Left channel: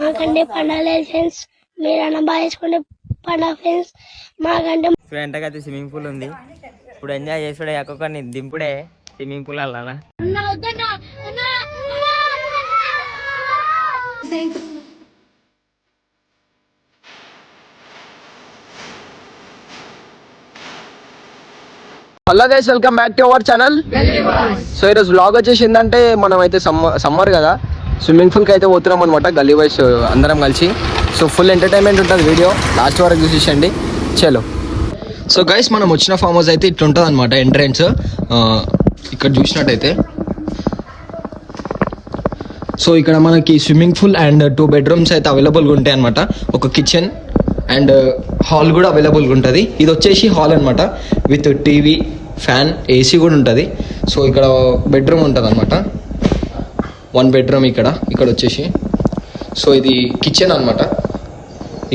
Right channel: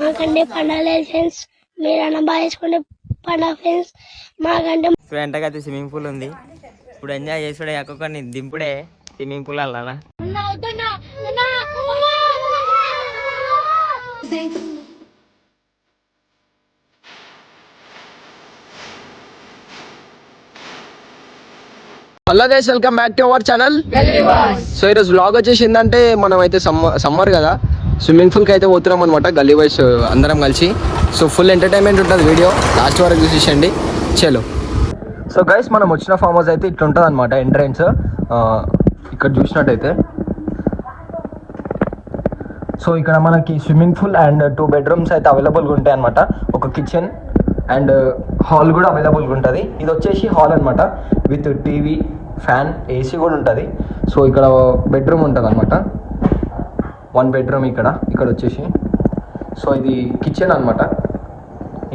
మాకంటే పండాలి ఫ్రెండ్స్, మీరు బాగా వేసుకునే పండుగ ఫ్రెండ్స్. మాకంటే వెంటకైతే స్విమ్మింగ్ పూల్ ఉంది. ఇప్పుడు ఎంజాయ్ చేసుడే ఒక్కొక్కరిని దింపుడే స్విమ్మింగ్ పూల్ అలా. Hello guys, welcome back to our channel. So ఈరోజు వ్లాగ్ వచ్చేసిందంటే మనం అయితే సమ్మర్ కదా, స్విమ్మింగ్ పూల్కి అయితే పోతున్నాం అనమాట, గల్లీ వైస్ అందరం కలిసి. సో ఫుల్ ఎంటర్టైన్మెంట్ ఉంటుంది, వీడియో లాస్ట్ వరకు చూసేసండి. చలో. సో గైస్, మనం వచ్చిన ఫామ్ హౌస్ అయితే ఇట్లా ఉంటుంది అనమాట ఎంట్రెన్స్. ఇక్కడ చూసినట్టయితే సో ఇక్కడ మనకి స్విమ్మింగ్ పూల్ అండ్ 2 bedrooms అయితే అవైలబుల్గా ఉంటాయి అనమాట. ఒక కిచెన్ అండ్ హాల్ కూడా అవైలబుల్గా ఉంటుంది. ఇది వచ్చేసి హాల్ అనమాట, విత్ టీవీ, ఫ్యాన్, ఏసీ కూడా ఉంటుంది. సో ఇక్కడ బెడ్రూమ్ ఉంటుంది అనమాట, 1 bedroom ఇక్కడ వచ్చేసి. సో ఇది కిచెన్ అనమాట.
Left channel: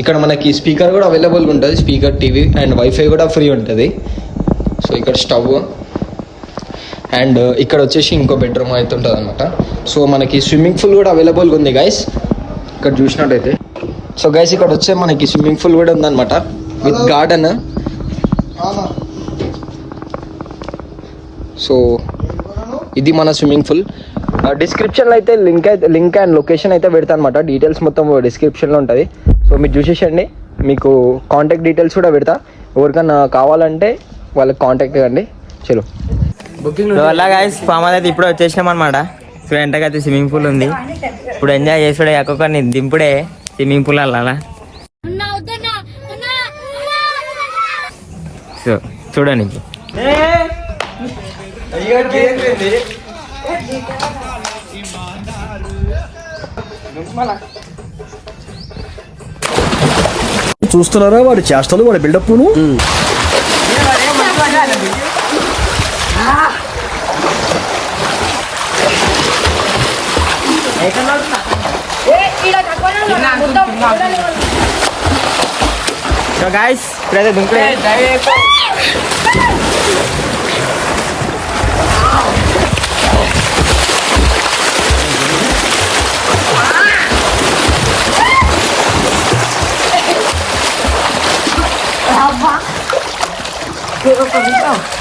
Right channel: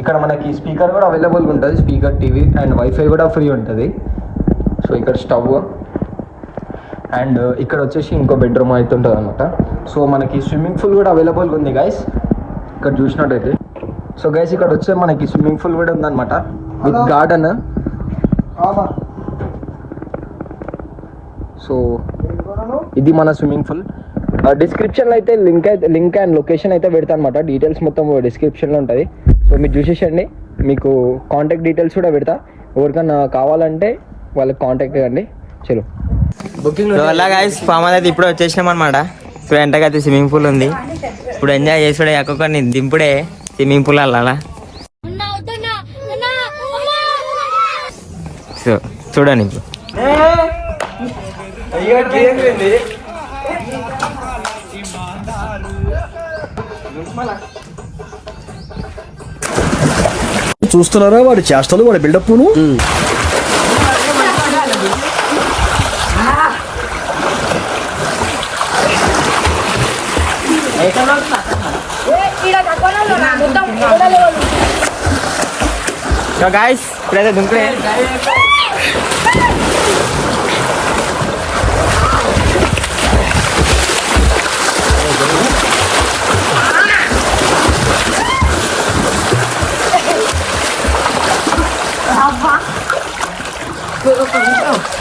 ఇక్కడ మనకి స్పీకర్ కూడా అవైలబుల్గా ఉంటుంది, స్పీకర్, టీవీ అండ్ వైఫై కూడా ఫ్రీ ఉంటుంది. సో ఇక్కడ స్టవ్ అండ్ ఇక్కడ వచ్చేసి ఇంకో బెడ్రూమ్ అయితే ఉంటుంది అనమాట. సో మనకి స్విమ్మింగ్ పూల్ కూడా అవైలబుల్గా ఉంది గైస్, ఇక్కడ చూసినట్టయితే. సో గైస్, ఇక్కడ వచ్చే మనకి స్విమ్మింగ్ పూల్ కూడా ఉందన్నమాట, విత్ గార్డెన్. సో ఇది మన స్విమ్మింగ్ పూల్. డిస్క్రిప్షన్లో అయితే లింక్ అండ్ లొకేషన్ అయితే పెడతా అనమాట. డీటెయిల్స్ మొత్తం డిస్క్రిప్షన్లో ఉంటుంది. సో మీరు చూసేసండి. మీకు కాంటాక్ట్ డీటెయిల్స్ కూడా పెడతా, ఎవరికైనా కావాలంటే వాళ్ళకి కాంటాక్ట్ ఇవ్వండి. చలో బుకింగ్ గాయస్, ఫామ్ అయితే ఇప్పుడు వచ్చేసినాం అనమాట. సో వెంటకైతే స్విమ్మింగ్ పూల్ ఉంది. ఇప్పుడు ఎంజాయ్ చేసుడే ఒక్కొక్కరిని దింపుడే స్విమ్మింగ్ పూల్ అలా. సో చూడండి ఇప్పుడు చూస్తున్నారా వాడి చేష్టలు, వాడి బిల్డప్ను. సో గాయస్, ఇప్పుడైతే దుంకుడే.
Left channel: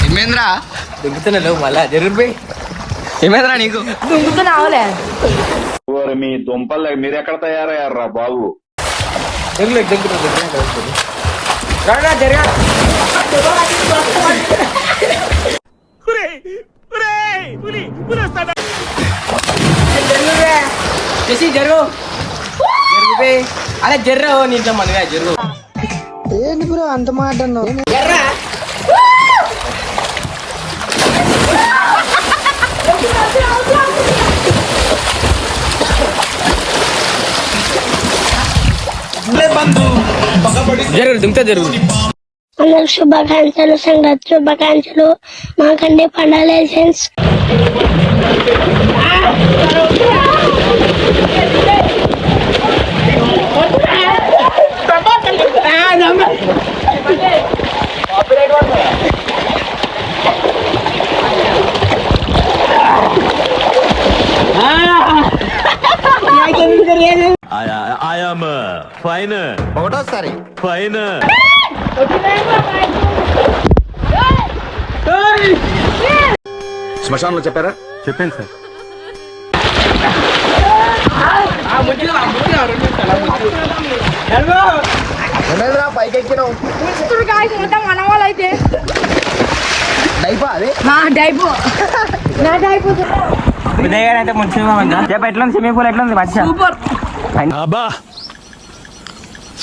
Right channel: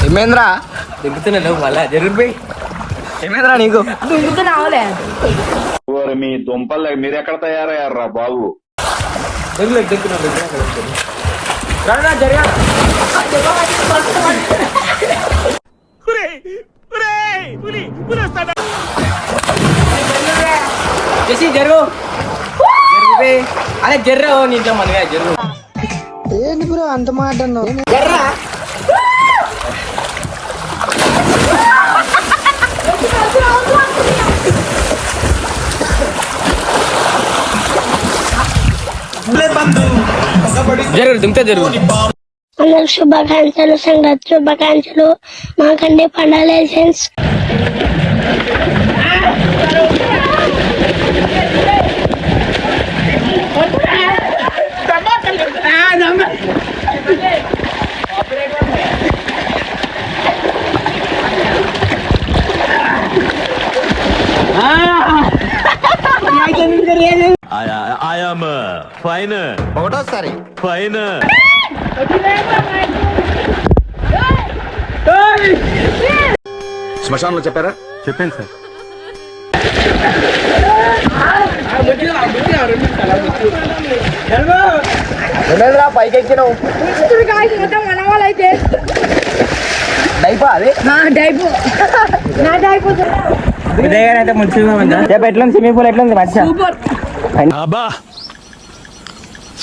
ఏమేంద్రా దుంకుతున్నా లేవు మళ్ళా జరుగుపోయి. ఏమేంద్రా నీకు దుంకుతున్నావులే. మీ దుంపలు మీరు ఎక్కడ తయారయ్యారా బాబు? జరుగు అరే జర్ర నీట్లో మనగా జరుగు. ఏంటి బ్రో అంత మాట అన్నావు? జరుగు దుంకుతా జరుగు. అందరికి శుభాకాంక్షలు, సంగతి శుభాకాంక్షలు. మాకంటే పండాలి ఫ్రెండ్స్. I am fine. ఒకటోసారి Fine. శ్మశానంలో చెప్పారా? చెప్పాను సార్. ఏమేంద్రా పైకి ఎక్కినావు? మన వాళ్ళైతే డైపా అది అయితే ముందు ఎట్లా స్విమ్మింగ్ పూల్ ఎట్లా ఉంది? మంచిగా అబ్బా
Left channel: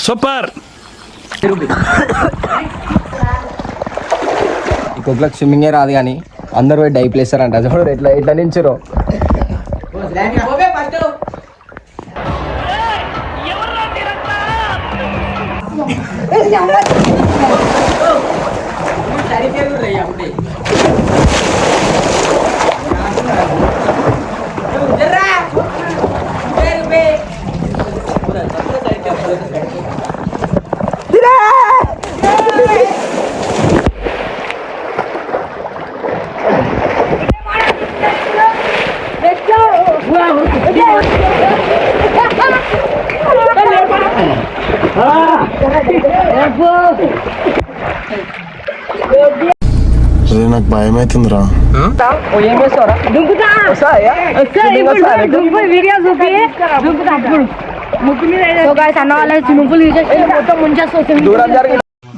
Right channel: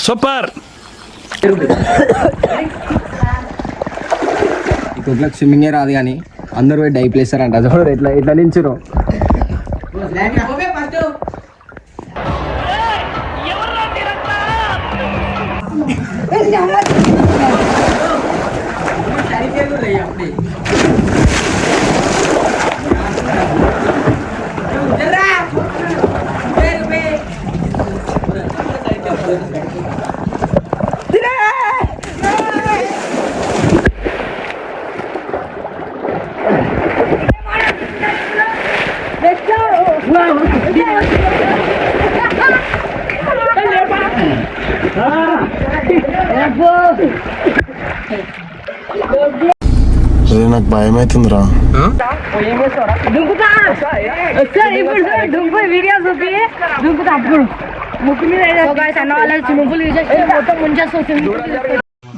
సూపర్. ఈ కుక్కలకు స్విమ్మింగే రాదు కానీ అందరూ పోయి డైప్ వేస్తారంట. చూడు ఎట్లా నించురు. నాకు భయం అవుతుందిరా.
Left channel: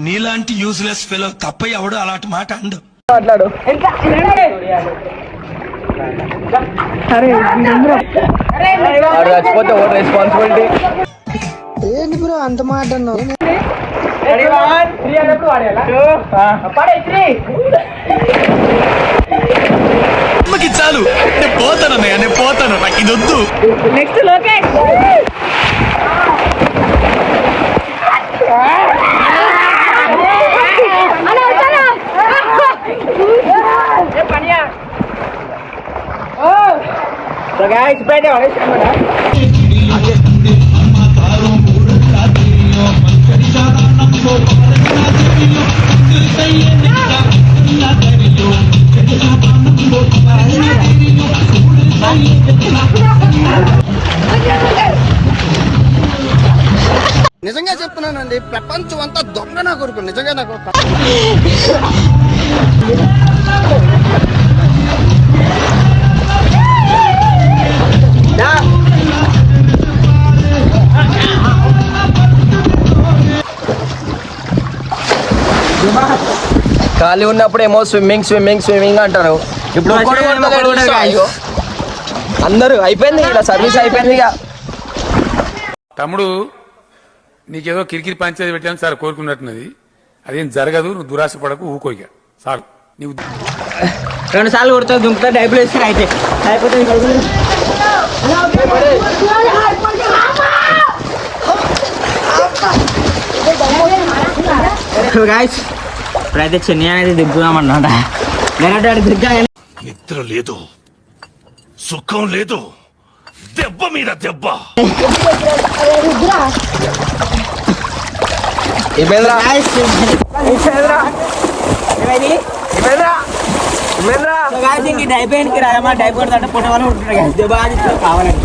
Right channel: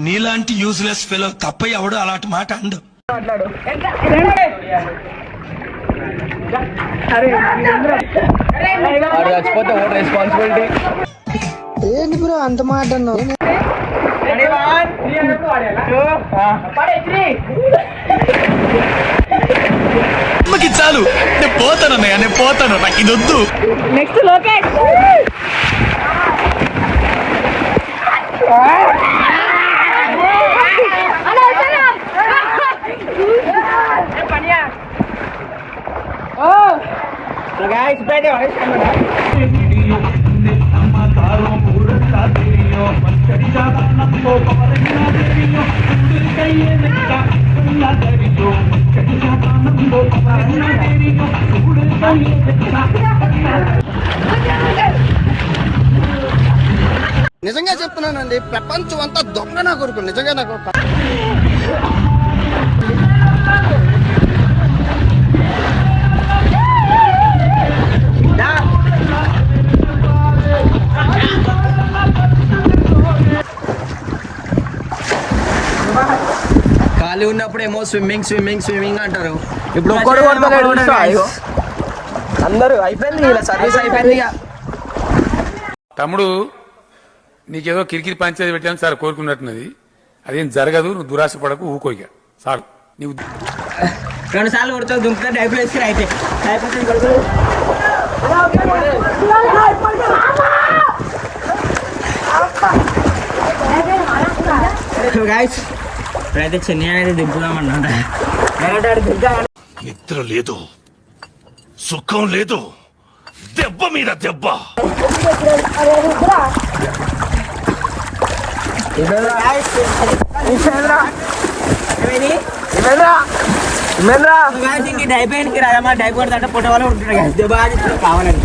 నీలాంటి యూస్లెస్ ఫెలో తప్ప ఎవడు అలాంటి మాట అండు. రెస్పాన్సిబిలిటీ ఏంటి బ్రో అంత మాట అన్నావు? చాలు, నేను పోతాను అన్నయ్య, నేను పోతాను, నాకు ఇది వద్దు. Next Lokesh. So guys, pwede ako. నిజంగా చెప్తున్నానండి, ప్రపంచం అంతా దొంగ నా కొడుకు. నిజంగా నాకు ఖాళీ ఉన్నప్పుడు ఏమో స్విమ్మింగ్ స్విమ్మింగ్ స్విమ్మింగ్ అంటారు. ఇప్పుడు అందరూ అయిపోయింది, ఇలా సర్వీస్ అయిపోయింది. ఇక తమ్ముడు నీకేదో కిరికిరి పంచేది పెట్టాను సార్ కోరుకున్నట్టున్నది, అదేం జరగదు, నువ్వు దురాశ పడకు, ఊకోయిక సార్. నీవు 2 సార్లు కొడతా దుంకుతా డైపులు వేసుకుని అయిపోతే గాయస్ ఇప్పుడైతే చెన్నై అనేది దిగ్గుదామన్నమాట. నిద్ర లేదు, సుఖం లేదు, దెబ్బ మీద దెబ్బ. డైపోయినకి రాదమ్మా, డైపోయిన అంటే పుట్ట వాళ్ళు ఉంటున్నారు బాగా కావాలని.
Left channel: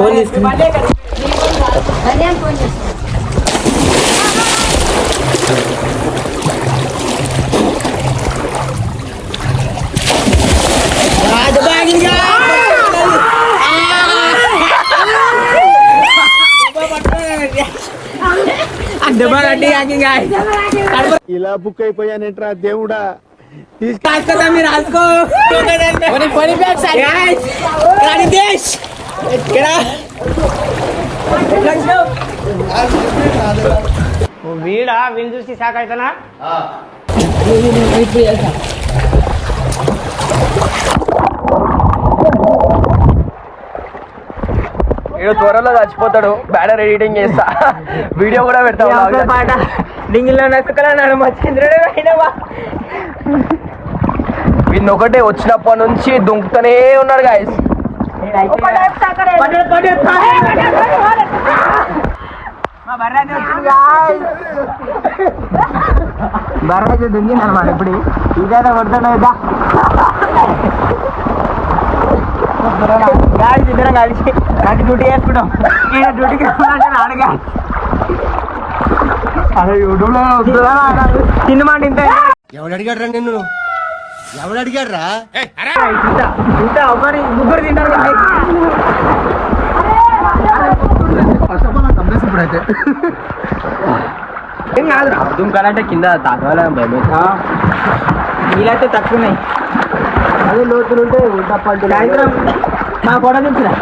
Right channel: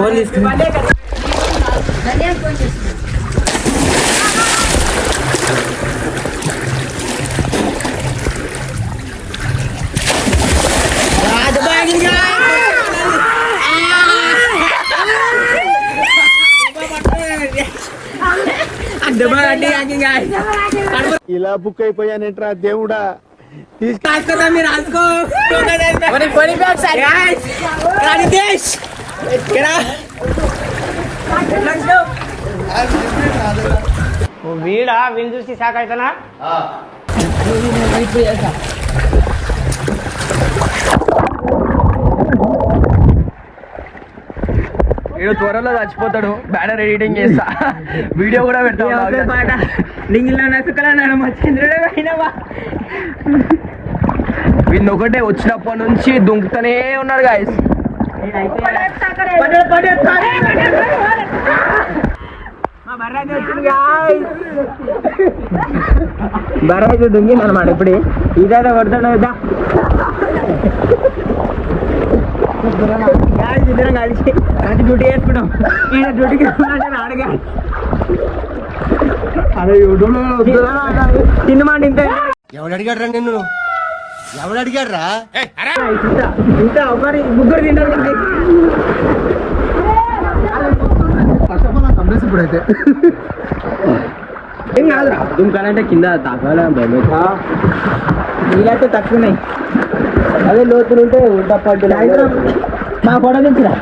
ఫోన్ తీసుకుని ఇలా బుక్ అయిపోయానేంట్రా దేవుడా. తీసుకొస్తా మీరు రాసుకో. వీడా వీళ్ళు చూసి షాక్ అవుతానా? వీడు త్వరలో చచ్చిపోతాడు, బ్యానర్ ఎడిటింగ్ చేస్తా, వీడియో కూడా పెడతా. డింగిల్లో నసుకలన్నాడు మా చంద్రుడే అయినవా. వీడిని ఒకటే వచ్చినప్పటి నుంచి దుంకుతూనే ఉన్నాడు గాయస్. బర్రైతే దుంగింది అనమాట. ఇప్పుడు ఇదైతే కొడుతున్నావు కదా, ఇద్దరం కలిసి మంచి డ్యూటీ చేసుకుంటాం. ఈయన డ్యూటీకి అడగా అదే యూట్యూబ్లో తిన్నమాట. ఇంత ఎవడు అడిగాడు రా నిన్ను? ఎవడు అడిగాడు రా? ఇంత ఒకరి ముగ్గురు తింటారు. ఇప్పుడైతే ఏం కాదు, దుంకాలంటే కింద తాకాల భయం. నీళ్ళైతే తక్కువన్నాయి, అదే లోతులు ఉంటే తప్పట్టు. సాయంత్రం మా కూడా దింపురా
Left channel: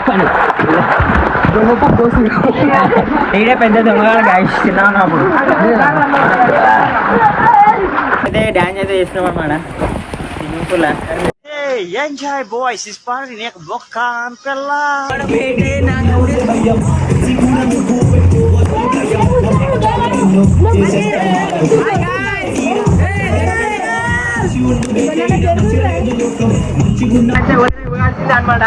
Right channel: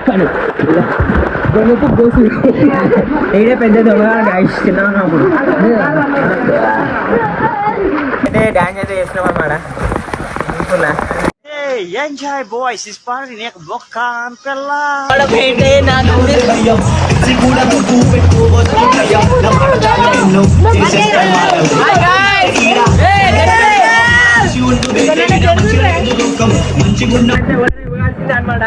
ఈడే పెద్ద దొంగ గాయస్. తిన్నాను అప్పుడు అయితే డాన్స్ అయితే చేస్తున్నాం అన్నమాట swimming pool. Enjoy boys is party నీకు బొక్క పిల్ల. అనమాట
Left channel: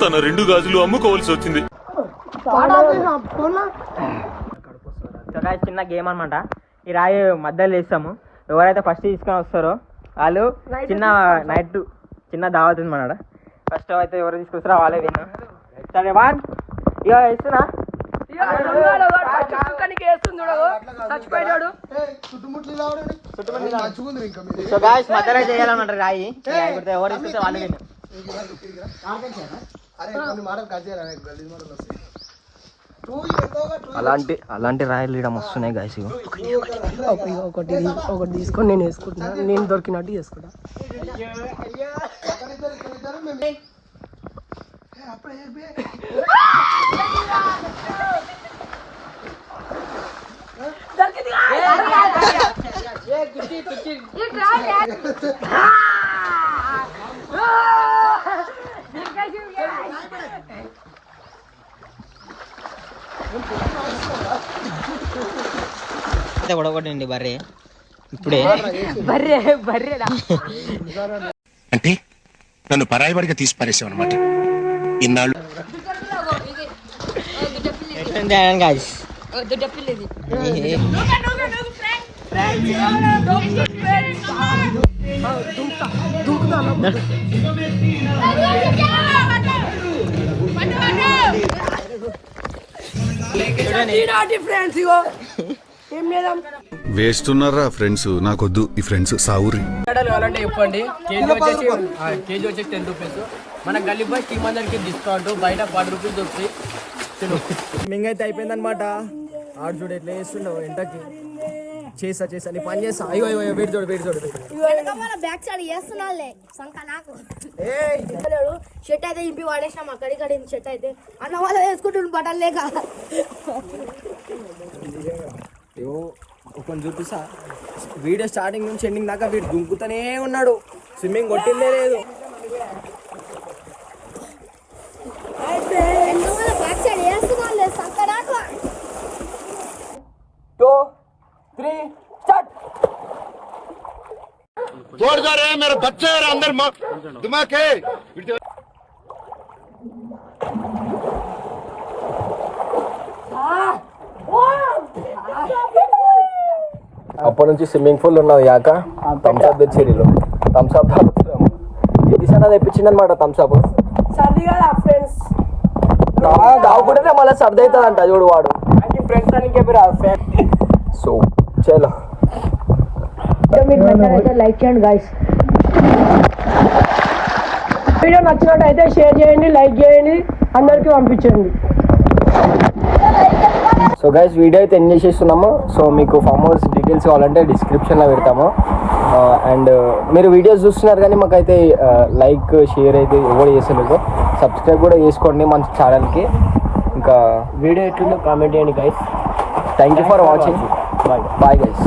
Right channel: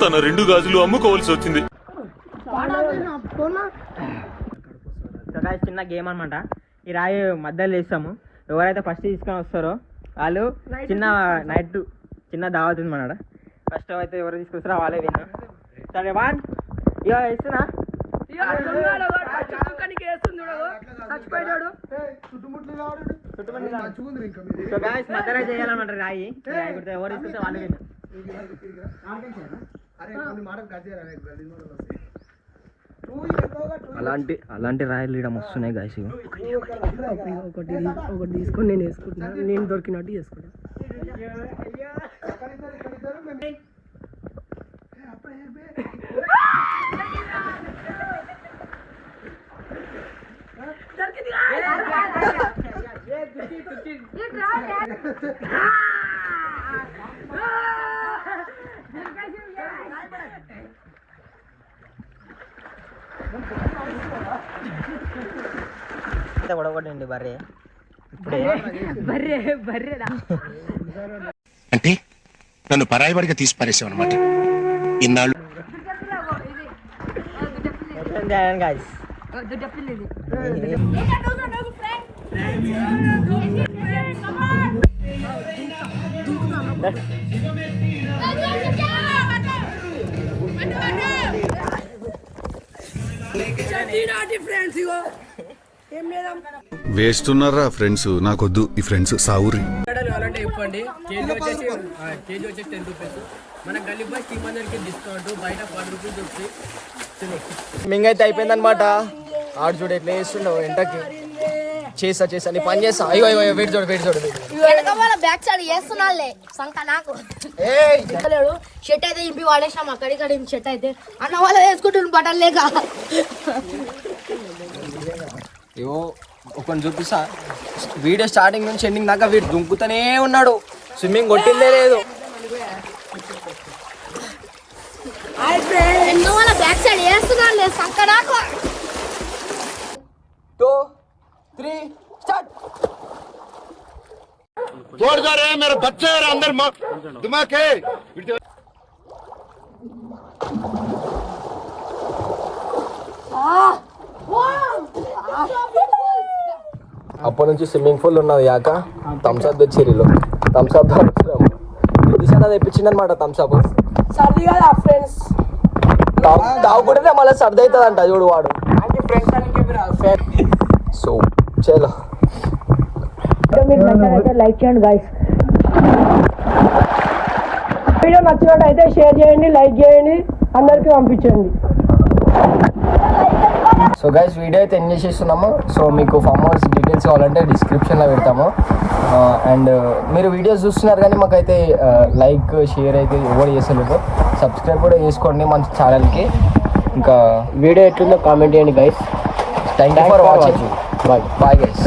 తన 2 గాజులు అమ్ముకోవాల్సి వచ్చింది. చిన్న గేమ్ అనమాట. ఈ రాయి మధ్యలో వేస్తాము. ఎవరైతే ఫస్ట్ తీసుకొని వస్తారో వాళ్ళు చిన్న దావత్ ఉంది మన. ఫస్ట్ అయితే ఎవరు తీసుకొస్తారో వాళ్ళే విన్నా. సరే వన్ ఇక ఇస్తున్నా. సో గాయ్స్ మధ్యలో చేయాలన్నమాట రాయి. ఎవరు తీసుకొస్తే వాళ్ళు విన్నా. అలాంటి రాయలు ఇవ్వడం వస్తున్నాయి గాయస్. ఒకటి తీసుకొని నేను వేసుకుంటున్నా. నేను దొరికినట్టు చేసుకుంటా. పడగొట్టండి బర్రె ఇప్పుడే. బర్రెడా అంటే నన్ను పరాయివాడిగా తీసి పారేసావు అనమాట. ఇన్నాళ్ళు వేస్తున్నారా ఫ్రెండ్స్? నాకొద్దు ఈ ఫ్రెండ్స్ సావురి. కావాలంటే చెప్పండి. కేజీ వచ్చేసి 10 రూపీస్. మన గల్లీ బాయ్ టీమ్ అందరికి డిస్కౌంట్. బయట 10 రూపీస్ దొరుకుతాయి. స్విమ్మింగ్ అయితే అయిపోయిందనమాట. ఆడు చూడు ఎట్లా చేస్తుండవు ఎంటకి. చేస్తా నీ పని చేస్తా. అయ్యో వెయిట్ చూడు బ్యాక్ సైడ్ చేస్తున్నాలే సంక నాకు షర్ట్ అయితే ఇంపి వాడేసాం. అక్కడిక్కడ షర్ట్ అయితే అన్న వాళ్ళు వేసుకుంటున్న బట్టలు లేక ఏవో ఒకరిని చూపిస్తా. వీడియో స్టార్టింగ్ నుంచి ఎండింగ్ దాకా వీడు దుంకుతూనే ఉన్నాడు. స్విమ్మింగ్ కొట్టిందే లేదు. బ్యాక్ సైడ్ చేస్తున్నాలే సంక నాకు. 2 3 స్టార్ట్. जोरदार है मेरे बच्चे अंदर दिमाग है. అప్పటి నుంచి స్విమ్మింగ్ పూల్ ఉన్నది కాక థమ్స్అప్ తెచ్చిరీలు. థమ్స్అప్ ఇది తెప్పించింది అనమాట. థమ్స్అప్ సర్ది కదా ఫ్రెండ్స్. తాగుకుంటేనే మళ్ళీ సర్ది అవుతుంది అంట చూడు వాడు. సో చలో మీకు నచ్చినట్లయితే లైక్ చేయండి గాయ్స్. వీడియో నచ్చినట్టయితే షేర్ చేయండి, లైక్ చేయండి, అందరికీ పంపించండి. సో గైస్ వీడియో అయితే ఎండ్ చేసేస్తున్నాము. సో మీకు ఫామ్ హౌస్ డీటెయిల్స్ కావాలంటే డిస్క్రిప్షన్లో పెడతాము. అండ్ మీరు వీడియోస్ చూస్తున్నారు కానీ మాకైతే లైక్ షేర్ అయితే ఎవరు చేసలేదు. సబ్స్క్రైబ్ కూడా చేసుకోండి మన ఛానల్కి. ఇంకా వీడియో ఎట్లుందో కామెంట్ చేయండి guys. Thank you for watching. Bye guys.